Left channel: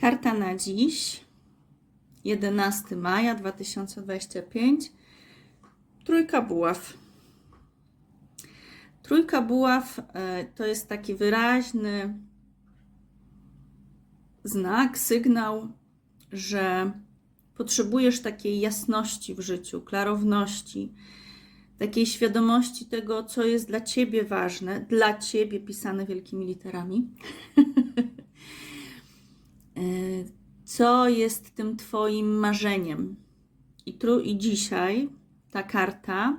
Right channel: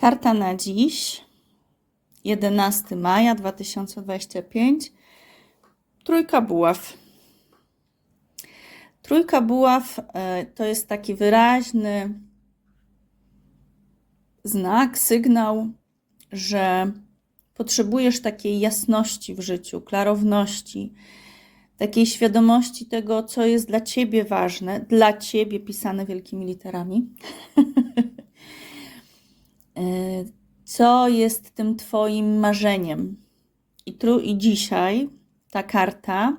Karta na dziś, 11 maja 2025, trójka buław. Trójka buław e, to jest taki wyraźny znak, sygnał, że potrzebujesz takiej jasności w życiu, klarowności, takiej świadomości tego, co jest dla ciebie ważne, dla ciebie pisane wielkimi literami. Co jest tym Twoim marzeniem. I, tru, I dzisiaj ta karta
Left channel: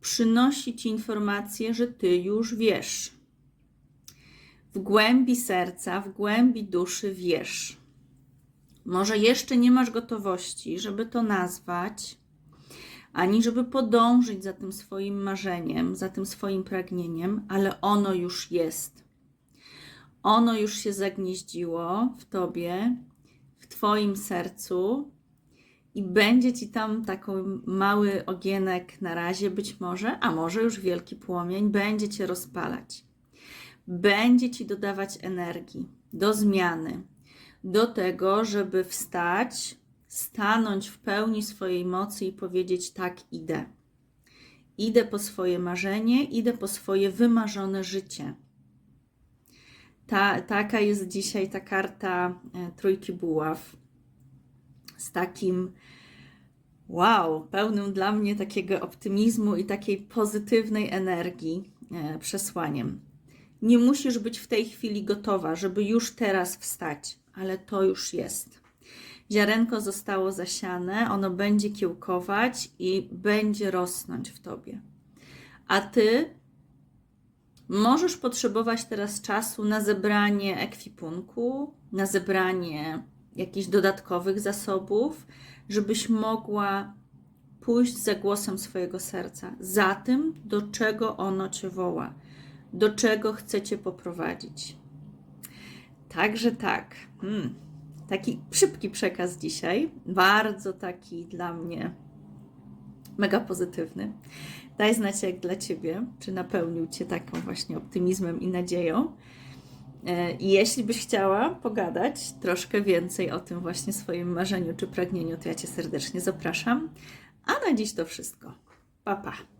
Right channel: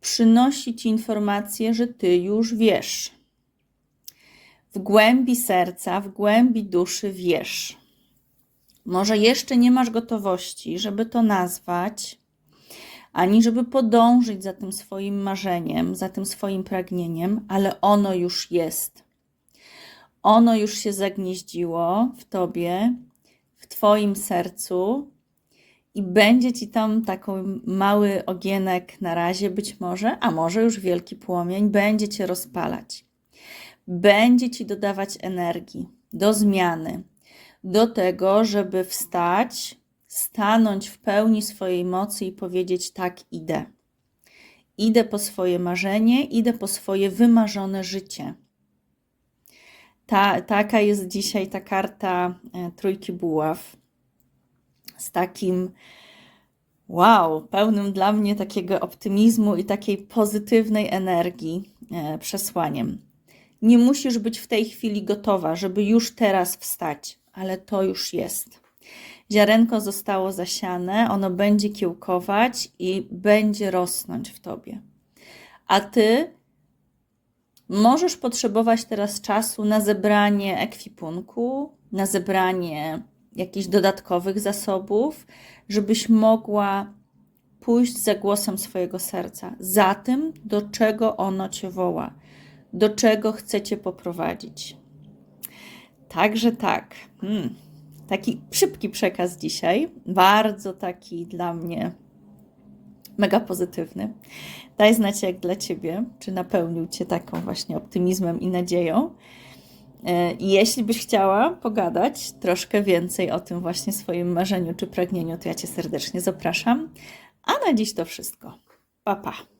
przynosi Ci informację, że Ty już wiesz. W głębi serca, w głębi duszy wiesz. Może jeszcze nie masz gotowości, żeby to nazwać, ani żeby podążyć za tym swoim marzeniem, za tym swoim pragnieniem, ale ono już jest. Ono już się zagnieździło w tobie, twoim sercu i będzie ci tam taki mały ogienek na razie, być może, a może już wielki płomień, będzie cię rozpalać. Będzie ci dodawać energii do zmiany, do tego, żeby wstać, stanąć w pełni swojej mocy i powiedzieć: Tak, idę. Idę po swoje marzenie, idę po swoje wymarzone życie. Ta, taka jest dzisiaj ta karta e, Trójki Buław z takim wow, pełnym dla mnie takiego optymizmu i takiej pozytywnej energii e, przesłaniem. Nie musisz być w tej chwili gotowa, żeby już teraz wstać, ale to już jest. Ziarenko zostało zasiane, ono będzie kiełkować i będzie rosnąć w tobie. A ty możesz potrzebować teraz czasu na zebranie ekwipunku, na zebranie jakichś dodatkowych zasobów, żebyś mogła pójść za głosem swojego serca, za tym, do czego ono cię woła, do czego chce cię poprowadzić. Także tak. Hmm. Taki szybki przekaz dzisiaj, bardzo taki dla mnie mega pozytywny. Daj znać, jak dla Ciebie, czy napełnił Cię taką właśnie optymizmem i nadzieją. E, I jeśli byś chciała pogadać troszkę więcej o tym właśnie swoim marzeniu czy pragnieniu, to ja Cię serdecznie zapraszam. A na dziś to wszystko. Pa, pa.